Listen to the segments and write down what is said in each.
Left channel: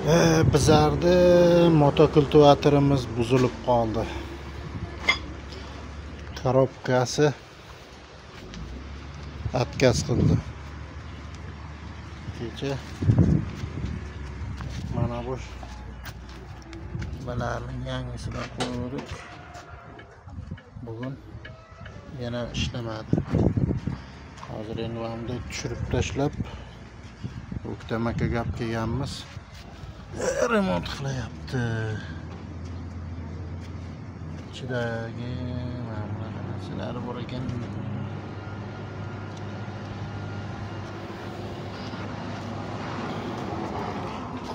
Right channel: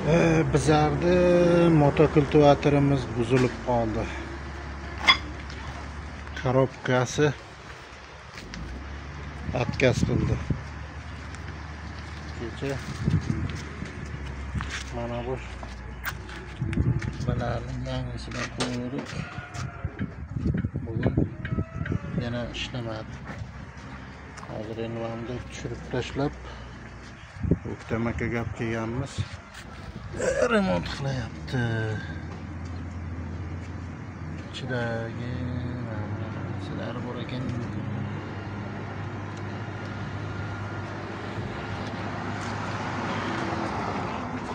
Bizarda motokultivatorimiz buzilib qoldi. Korobkasi отказ qildi. Kecha mana bu balarning yangisidan qo'ydik. Bugun yana ishlamadi. Hozir endi vamda tushirib tashlab O'ktam aka gap kelganmiz. Remont qilyapti. Ichidagi narsalar bor ekan.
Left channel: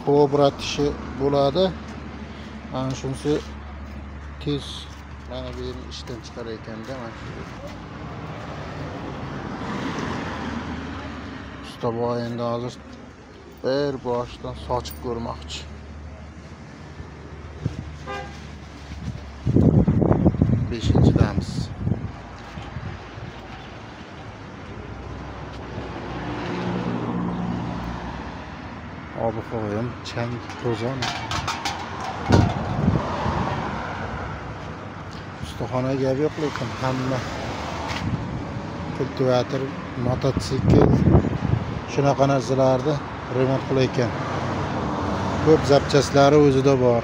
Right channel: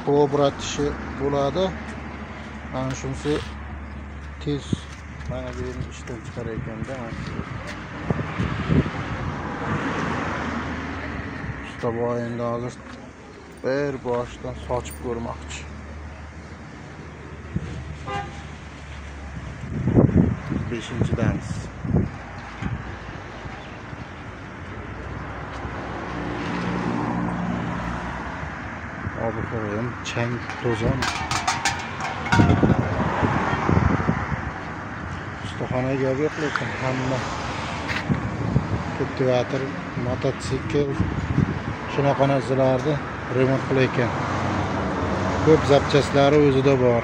Ko'bratishi bo'ladi. Ana shunisi tez mana bu yerni ishdan chiqar ekanda, mana shu. Ustobo endi hozir bir boshdan sochib ko'rmoqchi. Beshinchidamiz. Abi qo'yim, chang to'zon. Ustaxonaga gap yo'q, lekin hamma kultivator, mototsikl shunaqa narsalarni remont qilayotgan. Ko'p zapchastlari o'zida bor.